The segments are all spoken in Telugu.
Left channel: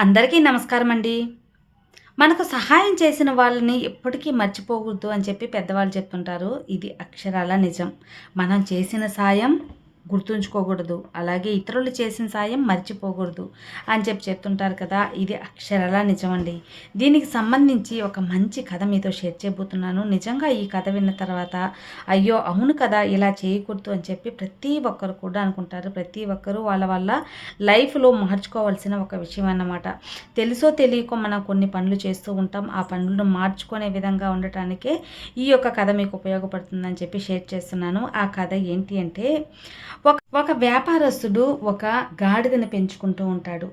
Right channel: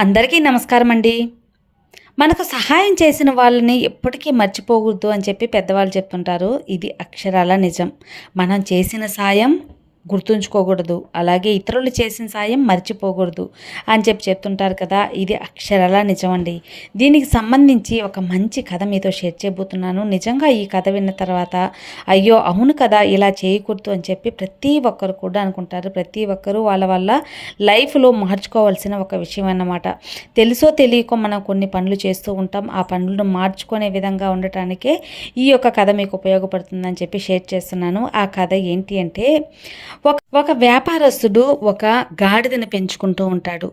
అందరికీ నమస్కారం అండి. మనకు సహాయం చేసిన వాళ్ళని ఎప్పటికీ మర్చిపోకూడదు అని చెప్పి పెద్దవాళ్ళు చెప్తుంటారు. ఇది అక్షరాల నిజం. మనం చేసిన సాయం గుర్తుంచుకోకూడదు. అలాగే ఇతరులు చేసిన సాయం మర్చిపోకూడదు అని చెప్పి చెప్తుంటారు కదా! ఇది అక్షరాల నిజమండి. దీనికి సంబంధించి ఒక మంచి కథ మీతో షేర్ చేయబోతున్నాను. నిజంగా ఈ కథ విన్న తర్వాత అయ్యో! అవును కదా! ఇలా చేయకూడదు అని చెప్పి ప్రతి ఒక్కరు కూడా అనుకుంటారు. ప్రతి ఒక్కరు వాళ్ళ వాళ్ళ లైఫ్‌లో మార్చుకోవాల్సిన ఒక విషయం అన్నమాట. తెలుసో తెలియకో మనం కొన్ని పనులు చేస్తూ ఉంటాం. ఆ పనులను మార్చుకునే విధంగా ఉండటానికే ఈ యొక్క కథ మీకు ఉపయోగపడుతుందని చెప్పి షేర్ చేస్తున్నాను. ఆ కథ ఏంటి అంటే ఒక వ్యాపారస్తుడు ఒక గాడిదని పెంచుకుంటూ ఉంటాడు.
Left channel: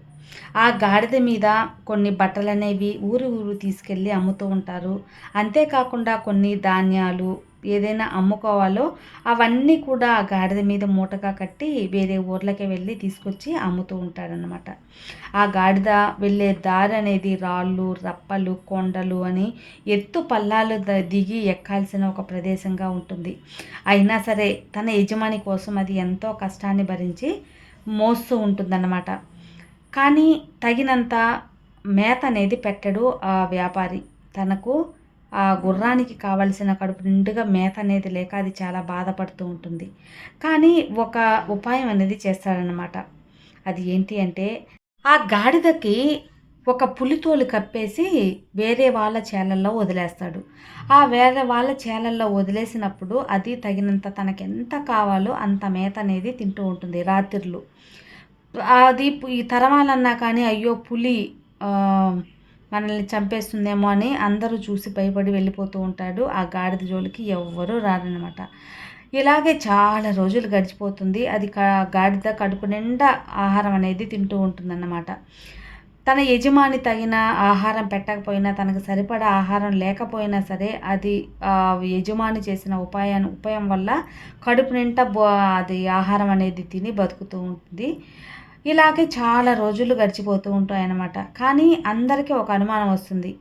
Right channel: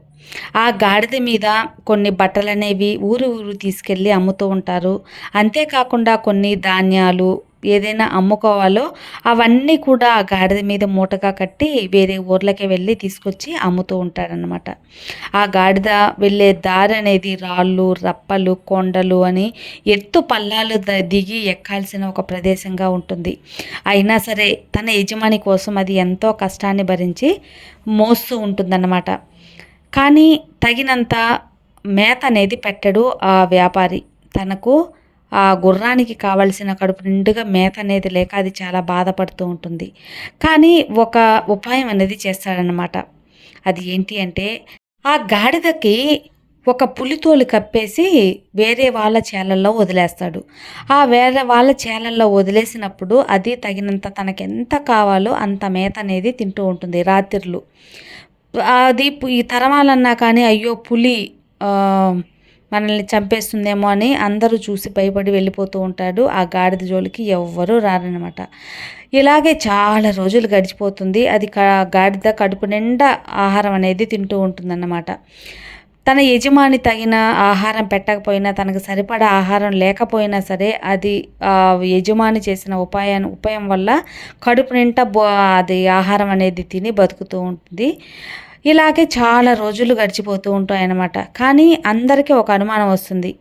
ఆ గాడిద మీద కొన్ని బట్టలనేవి ఊరు ఊరు తీసుకెళ్ళి అమ్ముతూ ఉంటారు. అంతేకాకుండా కొన్ని ధాన్యాలు ఏదైనా అమ్ముకోవాలో అవన్నీ కూడా ఆ గాడిద మీద మూటగా కట్టి వేరే ఊర్లకి వెళ్ళి తీసుకొచ్చి అమ్ముతూ ఉంటాడనమాట. ఆ గాడిద వెళ్ళే దారి అనేది రాళ్ళు, రప్పలు, కొండలు అని ఎత్తు పల్లాలు దిగి ఎక్కాల్సిన ఒక ప్రదేశంగా ఉంటుంది. అయినా సరే తన యజమాని కోసం అది ఎంతో కష్టాన్ని భరించి మోస్తూ ఉంటుందన్నమాట. కానీ తగినంత మేత అనేది పెట్టడు ఆ వ్యాపారి. తనకు ఆ గుర్రానికి కావాల్సిన కడుపు నిండుగా మేత అనేది లేక అది చాలా బాధపడుతూ ఉంటుంది. కానీ ఒక ఉపాయం అనేది చేస్తాడనమాట. అది ఏంటి అంటే ఆ గాడిదకి ఒక పులితోలు కప్పేసి వేరే వాళ్ళ చేలల్లో వదిలేస్తాడు. ఆ వేరే వాళ్ళ చేలల్లో వదిలేసినప్పుడు అది తగినంత తనకెంత కావాలో అంత మేత అనేది తింటూ ఉంటుంది రాత్రిళ్ళు. అది ఈ తరమాలన్నా కానీ అయ్యో! పులి మనల్ని చంపేస్తుందేమో అని అందరూ చూసి భయపడి వెళ్ళిపోతూ ఉంటాడు. ఆ గాడిద జోలికి ఎవ్వరూ రారనమాట. ఇలాగే చాలా రోజులు గడిచిపోతుంది. అది గాడిద కడుపు నిండా ఆహారం అనేది తింటూ ఉంటుందన్నమాట. తన యజమాని తగిన ఆహారం పెట్టకపోయినా, తనకు సరిపడా ఆహారం లేకపోయినా సరే, అది యజమాని చేసిన ఉపాయం వల్ల కడుపు నిండా అది ఆహారం అనేది తిని బతుకుతూ ఉంటుంది. ఇలాగే చాలా రోజులు గడిచిపోతూ ఉంటాయన్నమాట. కానీ అందరికీ ఒక అనుమానం వస్తుంది.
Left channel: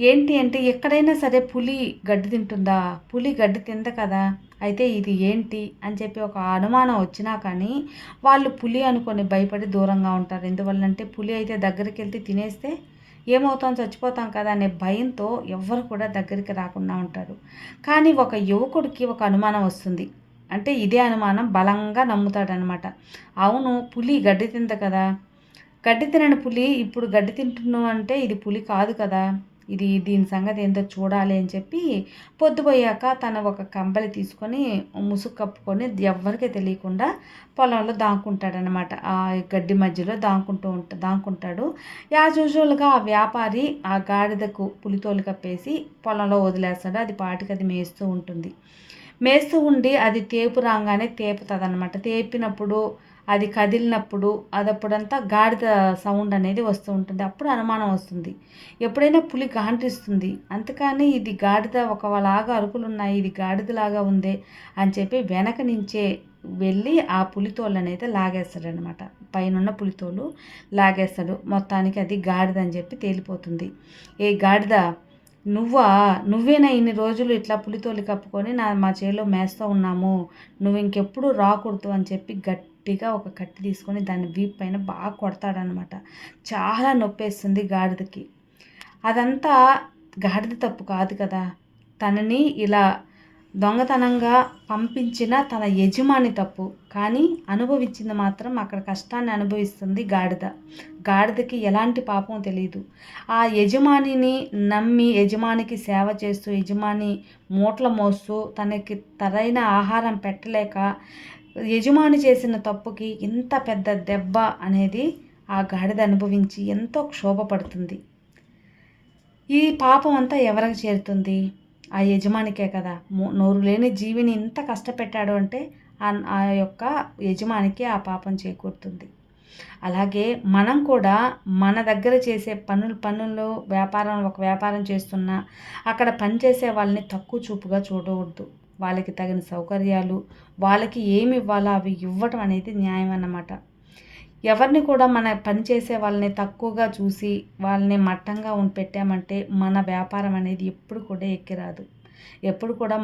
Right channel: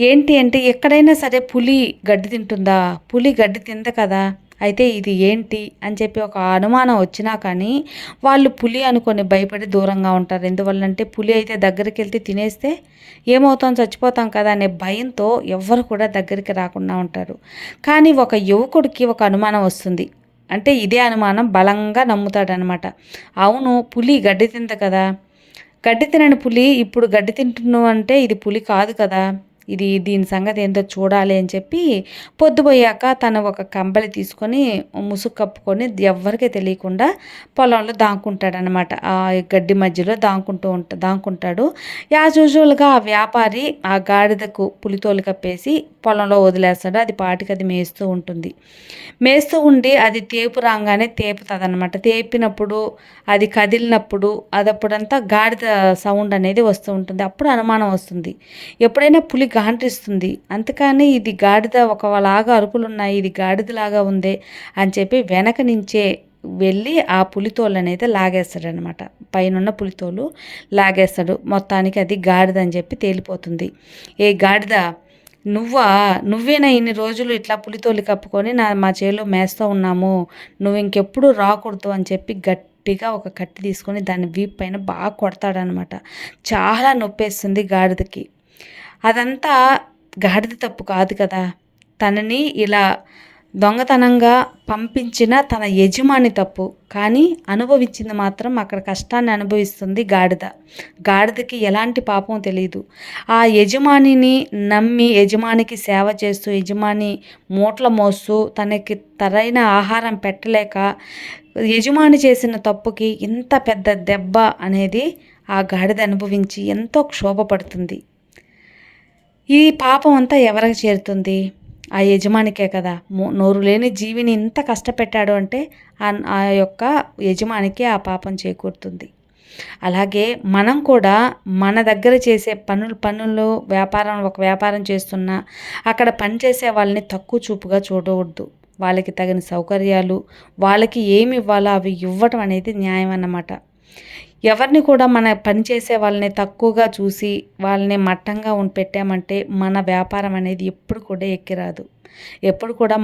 ఏంటి అంటే ఎక్కడైనా సరే పులి గడ్డి తింటుందా? పులి గడ్డి తినదు కదా! అయితే ఇది ఏంటి అని చెప్పి ఒక అనుమానం వచ్చినా కానీ వాళ్ళు పులి అనుకొని భయపడి దూరంగా ఉంటారు. ఎందువల్లంటే పులి అయితే దగ్గరికెళ్తే తినేస్తే ఏమవుతాం చచ్చిపోతాం కదా అనే భయంతో ఎవ్వరు కూడా దగ్గరికి రాకుండా ఉంటారు. కానీ ఒక యువకుడికి ఒక అనుమానం వస్తుంది. అంటే ఇదే అనుమానం బలంగా నమ్ముతాడనమాట. అవును పులి గడ్డి తింది కదా! గడ్డి తినని పులి ఇప్పుడు గడ్డి తింటున్నావు అంటే ఇది పులి కాదు కదా! దీని సంగతి ఏంటో చూడాలి అని చెప్పి పొద్దుపోయాక తను ఒక కంబలి తీసుకొని ముసుగు కప్పుకొని ఎవ్వరికీ తెలియకుండా పొలంలో దాక్కుంటాడనమాట. ఆ గడ్డి మధ్యలో దాక్కుంటాడు. యాజ్ యూజువల్‌గా ఆ వ్యాపారి ఆ గాడిదకు పులితోలు కప్పేసి పొలంలో వదిలేస్తాడు. అది పాటికి అది మేస్తూ ఉంటుంది. మేస్తూ ఉండి అది తేపు రాంగానే తేపుతుందనమాట. తేపినప్పుడు అది కదిలినప్పుడు అదప్పుడంతా గాడిద సౌండ్ అనేది వస్తూ ఉంటుంది. అప్పుడు అనుమానం వస్తుంది. ఎప్పుడైనా పులి గాండ్రిస్తుంది. అంతేకాని ఇది గాడిద ఒకలాగా అరుపులున్నాయి. ఇది గాడిదలాగా ఉందే అని చెప్పి వెనక నుంచే వెళ్ళి ఆ పులితోలనేది లాగేస్తాడనమాట. పైనున్న పులితోలు లాగేస్తాడు. మొత్తానికి అది గాడిద అని చెప్పి తేలిపోతుంది. ఏ గాడిద నువ్వేనా ఇన్ని రోజులు ఇట్లా పులితోలు కప్పుకొని మా చేలో మేస్తూ ఉన్నాము. నువ్వు ఇంకెప్పుడు రాకూడదు అని చెప్పి గట్టిగా ఒక కత్తి తీసుకొని దాని వీపు పైన బాగా కొడతాడనమాట. చాలా నొప్పేస్తుంది గాడిదకి. అదంతా గాడిద తప్పు కాదు కదా! తనని ఇలా దొంగతనంగా పంపించిన తన యజమాని తప్పు. కానీ అనుభవించింది మాత్రం అక్కడ కష్టాన్ని అనుభవిస్తుంది గాడిద. గాడిదకి ఎలాంటి పాపం తెలీదు. ఆ యజమానిని నమ్మి యజమానికి సేవ చేస్తూ, యజమాని మూటలు మోస్తూ తనకి సరైన ఆహారం పెట్టలేక యజమాని చేసిన తప్పుకి ఇంత పెద్ద దెబ్బ అనేది ఆ గాడిద అనుభవించి ఎంతో క్షోభపడుతుంది. ఈ పాపం అంతా ఎవరికి చేరుతుంది? ఆ యజమానికే కదా! నోరు లేని జీవిని ఇంత కష్టపెట్టాడు అంటే ఆ యొక్క యజమానికి ఆ పాపం చేకూరుతుంది. అలాగే మనం కూడా మన దగ్గర చేసే పనులు ఒక వ్యాపారం చేస్తున్నా అక్కడ పనిచేసే వాళ్ళని తక్కువ చూపుగా చూడకూడదు. వాళ్ళకి తగిన సౌకర్యాలు, వాళ్ళకి ఏమి ఇవ్వాలో అవి ఇవ్వటం అనేది న్యాయం అన్నమాట. ఎవరిని కూడా మన పని చేసే వాళ్ళని తక్కువగా చూసి వాళ్ళని మట్టంగా పెట్టామంటే మన వ్యాపారం అనేది ఎప్పుడు కూడా ఎక్కిరాదు. ఎప్పుడు కూడా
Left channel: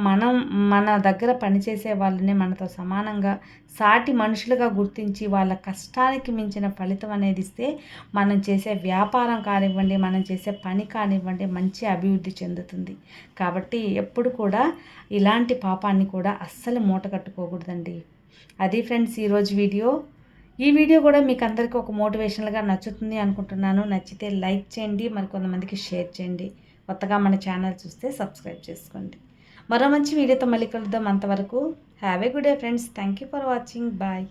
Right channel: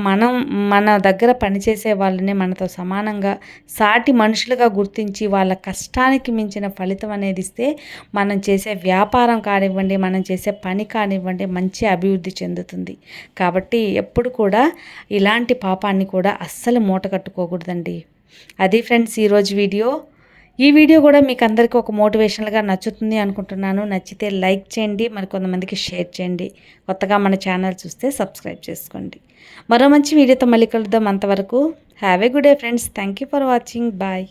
మన దగ్గర పనిచేసే వాళ్ళని మనతో సమానంగా సాటి మనుషులుగా గుర్తించి వాళ్ళ కష్టానికి మించిన ఫలితం అనేది ఇస్తే మనం చేసే వ్యాపారం కానివ్వండి, మనం చేసే పని కానివ్వండి మంచి అభివృద్ధి చెందుతుంది. కాబట్టి ఎప్పుడు కూడా ఇలాంటి పాపాన్ని కూడా అస్సలు మూట కట్టుకోకూడదండి. అది ఫ్రెండ్స్ ఈరోజు వీడియో. ఈ వీడియో కూడా మీకు అందరికీ ఒక మోటివేషనల్గా నచ్చుతుంది అనుకుంటున్నాను. నచ్చితే లైక్ చేయండి, మరి కొంతమందికి షేర్ చేయండి. కొత్తగా మన ఛానల్ చూస్తే సబ్స్క్రైబ్ చేసుకోండి. మరో మంచి వీడియోతో మళ్ళీ కలుద్దాం. అంతవరకు have a good day friends. Thank you for watching. Bye.